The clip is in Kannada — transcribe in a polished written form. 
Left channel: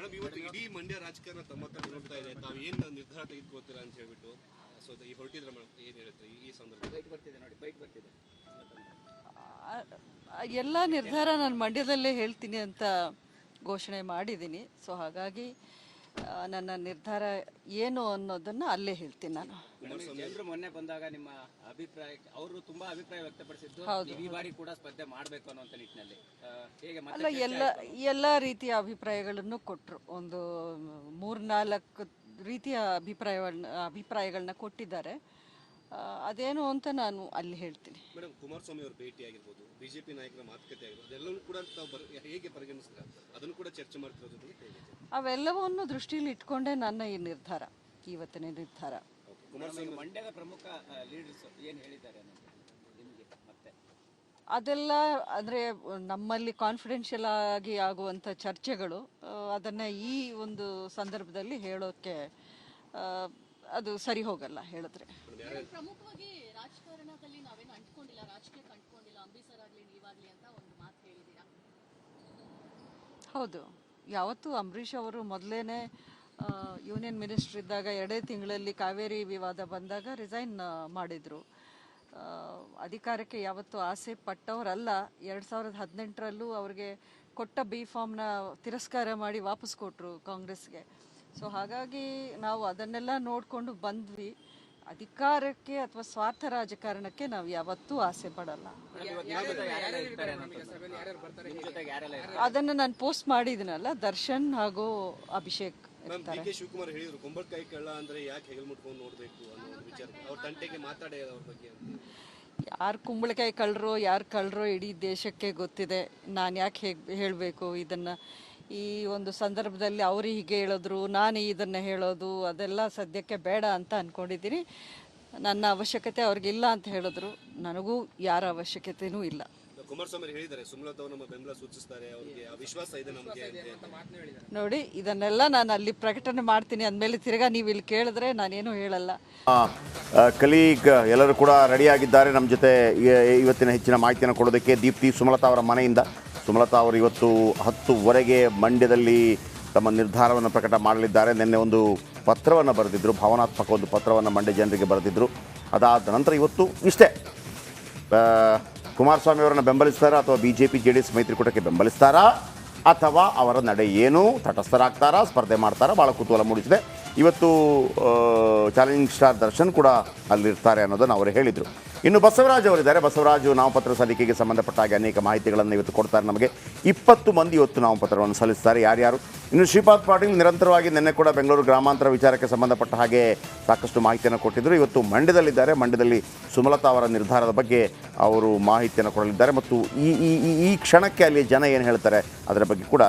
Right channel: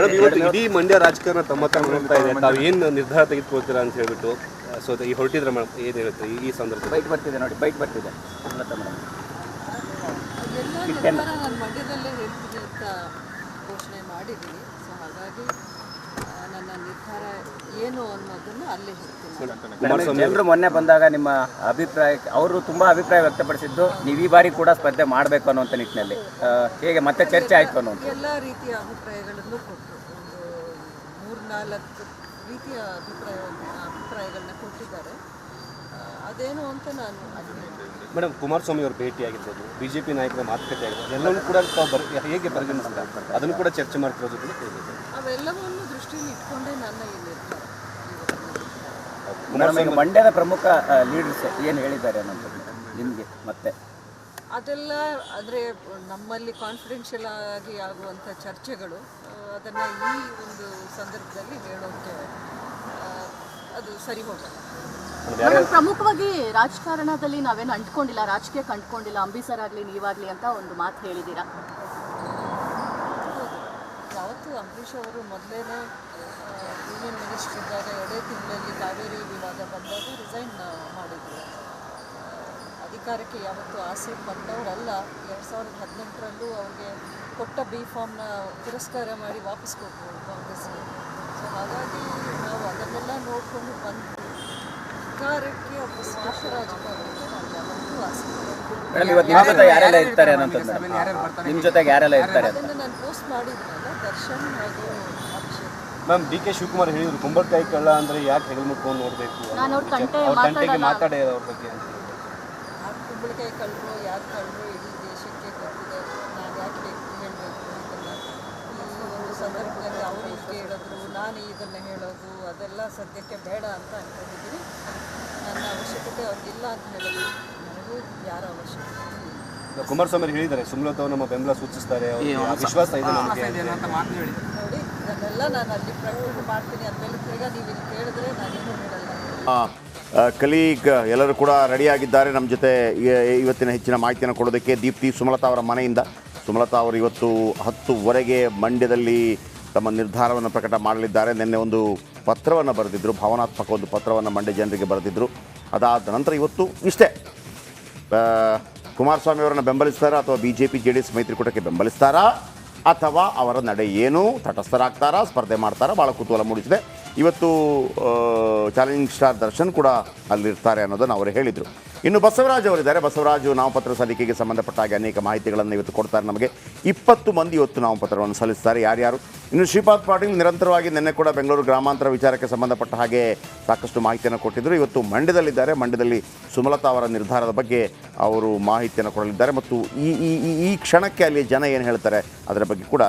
ಮೇಡಮ್, ಇವತ್ತು ಇಡೀ ಮಂಡ್ಯ ರಾಜಕಾರಣ ತಮ್ಮ ಹತ್ರ ನೋಡ್ತಾ ಇದೆ. ತಾವು ಏನು ನಿರ್ಧಾರ ತೆಗೆದುಕೊಳ್ತೀರಾ ಅಂತ ಹೇಳ್ಬಿಟ್ಟು ಈ ಹೊರಟಿದ್ರೆ ಮೇಡಮ್, ಏನು ಹೇಳುತ್ತೆ ಈ ಸಂದರ್ಭದಲ್ಲಿ? ಬೈಕ್ ಬರ್ತಿದೆ ನೋಡಿ, ಬೈಕ್ ಬರ್ತಿದೆ. ಎಲ್ಲ ನಿರ್ಧಾರ ನಾನು ಮಂಡ್ಯದಲ್ಲೇ ಹೇಳ್ತೀನಿ ಅಂತ ಘೋಷಣೆ ಮಾಡಿದ್ದೀನಿ. ಸೊ ಹಾಗಾಗಿ ನನ್ನ ನಿರ್ಧಾರ ಏನು ಅನ್ನೋದನ್ನು ಅಲ್ಲೇ ಹೇಳ್ತೀನಿ. ಜನರು ಮೊನ್ನೆ ಬಂದಾಗ ನಿಮ್ಮ ಅಭಿಪ್ರಾಯ, ಅವರು ತುಂಬಾ ಅಭಿಪ್ರಾಯ ವ್ಯಕ್ತಪಡಿಸಿದ್ದು ನೀವು ಈ ಬಾರಿ ಕೂಡ ಸ್ಪರ್ಧೆ ಮಾಡಬೇಕು ಅನ್ನುವಂಥ ನಿಟ್ಟಿನಲ್ಲಿ ಹೇಗೆ ಮತ್ತೆ ಚರ್ಚೆ ಆಯಿತು ಅನ್ನೋ ಎಲ್ಲ ರೀತಿಯ ಅಭಿಪ್ರಾಯಗಳನ್ನು ಕೊಟ್ಟರು. ಒಂದು 3-4 ರೀತಿಯ ಅಭಿಪ್ರಾಯಗಳನ್ನ ಕೊಟ್ಟಿದ್ದಾರೆ. ಅದೇನು ಅಂತ ನಾನು ಅಲ್ಲಿ ಹೇಳ್ತೀನಿ. ಮೇಡಮ್, ಕುಮಾರಸ್ವಾಮಿ ಅವರು ಭೇಟಿ ಆಗಿರ್ಬೋದು, ಬಿಜೆಪಿ ನಾಯಕರ ಮಾತುಕತೆ ಆಗಿರ್ಬೋದು, ಎಲ್ಲವನ್ನೂ ಕೂಡ ತಾವು ಹೇಗೆ ಪರಿಗಣಿಸ್ತಾರೆ? ಅದನ್ನು ಕೂಡ ಚರ್ಚೆ ಮಾಡ್ತಿರೋ ಜೊತೆ ಅವೆಲ್ಲವನ್ನು ದೃಷ್ಟಿಯಲ್ಲಿ ಇಟ್ಕೊಂಡೇ ನನ್ನ ಈ ನಿರ್ಧಾರ, ಇವತ್ತಿನ ನಿರ್ಧಾರ. ಮೇಡಮ್, ಈಗ ಮಂಡ್ಯದ ಪ್ರಮುಖ ಲೀಡರ್ಸ್ ಏನು ಹೇಳಿದ್ದಾರೆ ಅನ್ನೋದು ನಿಮಗೆ ಮತ್ತೆ ಅದೆಲ್ಲ ಅಂದರೆ ನಮ್ಮಲ್ಲಿ ಕಾನ್ಫಿಡೆನ್ಷಿಯಲ್ ಆಗಿ ಆಗುವಂಥ ಚರ್ಚೆಗಳು, ಅದನ್ನು ಈ ಒಂದು ಸಂದರ್ಭದಲ್ಲಿ ಹೇಳೋಕ್ಕೆ ಅದು ಸರಿ ಹೋಗಲ್ಲ. ಮೇಡಮ್, ಪ್ರಮುಖವಾಗಿ ರಾಜಕಾರಣದಲ್ಲಿ ನಾವೇನು ಅಂಟ್ಕೊಂಡಿಲ್ಲ, ರಾಜಕೀಯಕ್ಕೆ ಅಂಟ್ಕೊಂಡಿಲ್ಲ, ಅಂಬರೀಷರ್ ಆಗಲಿ ನೀವಾಗಲಿ ಅಂತ ಒಂದು ಮಾತು ಹೇಳಿದ್ದೀರಾ. ಹೌದು, ಯಾವತ್ತೂ ಅಂಬರೀಷ್ ಅವರು ಮೊದಲೇ ಯೂನಿಯನ್ ಮಿನಿಸ್ಟರ್ ಇದ್ದಾಗ 2 ತಿಂಗಳಲ್ಲಿ ಕಾವೇರಿ ವಿವಾದ ಬಂದಾಗ ರಿಸೈನ್ ಮಾಡಿದರು. ಅಧಿಕಾರಕ್ಕೆ ಯಾವತ್ತೂ ಆಸೆ ಪಟ್ಟವರಲ್ಲ. 2018ರಲ್ಲೂ ಅವ್ರಿಗೆ ಕೊಟ್ಟ B.Pharmನ ತಿರಸ್ಕಾರ ಮಾಡಿ ವಾಪಸ್ ಕೊಟ್ಟರು ಕಾಂಗ್ರೆಸ್ಗೆ. ಸೊ ಹಾಗಾಗಿ ನಾವು ಅದನ್ನೆಲ್ಲ ನೋಡಿಕೊಂಡು ಬಂದ್ವಿ. ಅಧಿಕಾರಕ್ಕೆ ಅಥವಾ ಸ್ವಾರ್ಥ ರಾಜಕಾರಣಕ್ಕೆ ನಾವು ಯಾವತ್ತೂ ಆಸೆ ಪಡೋದು. ಮೇಡಮ್, ಇವತ್ತು ನಿಮ್ಮ ಜೊತೆ ಯಾರೆಲ್ಲ ಇರ್ತಾರೆ ಅನ್ನೋಂಥದ್ದು, ನಿಮ್ಮ ಜೊತೆಗೆ ಯಾರೆಲ್ಲ ಇರ್ತಾರೆ ಅದನ್ನು ನಾನು ಪೋಸ್ಟ್ ಮಾಡಿದ್ದೀನಲ್ಲ, ದರ್ಶನ್ ಹಾಗೂ ಅಭಿಷೇಕ್. ಮ್ಯಾಮ್, ಡಿ.ಕೆ. ಶಿವಕುಮಾರ್ ಹೇಳಿದ್ರು ಕುಂಬಳಕಾಯಿ ಕಳ್ಳ ಅಂದರೆ ಯಾಕೆ ಹೆಗಲು ಮುಟ್ಕೊಂಡು ನೋಡಬೇಕು, ನಾನು ಅವ್ರ ತಂಟೆಗೆ ಮಾತಾಡೇ ಅವ್ರ ಬಗ್ಗೆ. ಯಾರು ಕುಂಬಳಕಾಯಿ ಕಳ್ಳರು ಯಾರು ಕಳ್ಳರು ಇಡೀ ದೇಶಕ್ಕೆ ಗೊತ್ತಿದೆ. ನಾನು ಯಾಕೆ ಹೇಳಬೇಕು ಇದನ್ನು? ಈ ಒಂದು ಸಂದರ್ಭದಲ್ಲಿ ಅವರು ಹೀಗೆ ಹೇಳಿದ್ರು, ನಾನು ಇದನ್ನು ಹೇಳೋದು ಅದೆಲ್ಲ ಸದ್ಯಕ್ಕೆ ಬೇಡ ಅಂತ ಅಂದ್ಕೊಂಡಿದ್ದೀನಿ. ನನ್ನ ಅವಶ್ಯಕತೆ ಅವ್ರಿಗಿಲ್ಲ ಅಂತ ಹೇಳಿದ್ರು, ನನಗೂ ಯಾರ ಅವಶ್ಯಕತೆಯೂ ಇಲ್ಲ. ಕುಮಾರಸ್ವಾಮಿ ಹೇಳಿದ್ದಾರೆ, ಸುಮಲತಾ ಅವರು ನಮ್ಮ ಬೆಂಬಲ ಸೂಚಿಸ್ತಾರೆ, ವಿಶ್ವಾಸ ಇದೆ ನಮಗೆ. ನೋಡಿ, ಇದನ್ನೆಲ್ಲ ನಾನು ಅಲ್ಲಿ ಪ್ರಕಟಣೆ ಮಾಡ್ತೀನಿ ಅಂದಮೇಲೆ ತಿರ್ಗಾ ನೀವು ಇಲ್ಲಿ ಕೇಳಿದ್ರೆ ನಾನೇನು ಹೇಳಲ್ಲ. ಕಲೀಗ್ ಎಲ್ಲರೂ ಕೂಡ ರೆಡಿಯಾಗಿದ್ದಾರೆ ನಮ್ಮ ಜೊತೆ ಇವತ್ತಿನ ಹೆಚ್ಚಿನ ಮಾಹಿತಿಯನ್ನು ಕೊಡೋದಕ್ಕೆ. ದೀಪ್ತಿ, ಸುಮಲತಾ ಅವರ ಮನೆಯಿಂದ. ಸುಮಲತಾ ಅವರು ಇವತ್ತು 10:00ವರೆಗೆ ಮಂಡ್ಯದಲ್ಲಿ ತಮ್ಮ ನಿರ್ಧಾರವನ್ನು ಪ್ರಕಟ ಮಾಡಲಿದ್ದಾರೆ. ನಿನ್ನೆ ಒಂದು ಪತ್ರವನ್ನು ಬರೆದಿದ್ದರು, ಭಾವನಾತ್ಮಕ ಒಂದು ಪತ್ರವನ್ನು ಮಂಡ್ಯ ಜನರಿಗೆ ಬರೆದಿದ್ದರು. ಅದಾದ ನಂತರ ಇವತ್ತು ಇಷ್ಟೇ, ಕುಮಾರಸ್ವಾಮಿ ಅವರನ್ನು ಬೆಂಬಲಿಸ್ತಾರಾ ಅಥವಾ BJP JDS ಮೈತ್ರಿಕೂಟಕ್ಕೆ ಬೆಂಬಲಿಸ್ತಾರಾ ಅಥವಾ ಅವರ ನಡೆ ಏನು, ತಟಸ್ಥರಾಗ್ತಾರಾ, ಸ್ಪರ್ಧೆ ಮಾಡ್ತಾರಾ, ಭಾಳ ಕುತೂಹಲ ಮೂಡಿಸಿದೆ. ಇವತ್ತು ಚಾಲೆಂಜಿಂಗ್ ಸ್ಟಾರ್ ದರ್ಶನ್ ಕೂಡ ಅಲ್ಲಿರ್ತಾರೆ ಅನ್ನೋದನ್ನು ಅವರು ಹೇಳಿದರು. ಇನ್ನು ಬಸವರಾಜ್ ಅವರಿದ್ದಾರೆ. ಬಸವರಾಜು ನಾಮಪತ್ರ ಸಲ್ಲಿಕೆಗೆ ಸಂಬಂಧಪಟ್ಟ ಹಾಗೆ ಅನೇಕ ಮಾಹಿತಿಗಳನ್ನು ಇವತ್ತು ಕೊಡ್ತಾರೆ ನಮಗೆ. 20 ಮಂದಿ ಇವತ್ತು ನಾಮಪತ್ರವನ್ನು ಸಲ್ಲಿಸ್ತಾರೆ. ಯಾರ್ಯಾರು? ಇನ್ನು ಶ್ರೀಪಾದ್ ಪಾಟೀಲ್ ನಿರಂತರವಾಗಿ ನಿನ್ನೆ ಕೂಡ ಬೆಂಗಳೂರು ಗ್ರಾಮಾಂತರ ವಿಚಾರಕ್ಕೆ ಸಂಬಂಧಪಟ್ಟ ಹಾಗೆ ಸಾಕಷ್ಟು ಮಾಹಿತಿಯನ್ನು ಕೊಟ್ಟಿದ್ದರು. ಇವತ್ತು ಮಂಡ್ಯದಲ್ಲಿದ್ದಾರೆ. ಮಂಡ್ಯದಲ್ಲಿ ಸುಮಲತಾ ಅವರ ನಿರ್ಧಾರದ ಬಗ್ಗೆ ಅವರು ಮಾಹಿತಿಯನ್ನು ಕೊಡಲಿದ್ದಾರೆ ಮತ್ತು ಈ ಕ್ಷಣಕ್ಕೆ ಅಲ್ಲಿ ಜನ ಏನು ಹೇಳ್ತಾರೆ ಅದರ ಬಗ್ಗೆ ಕೂಡ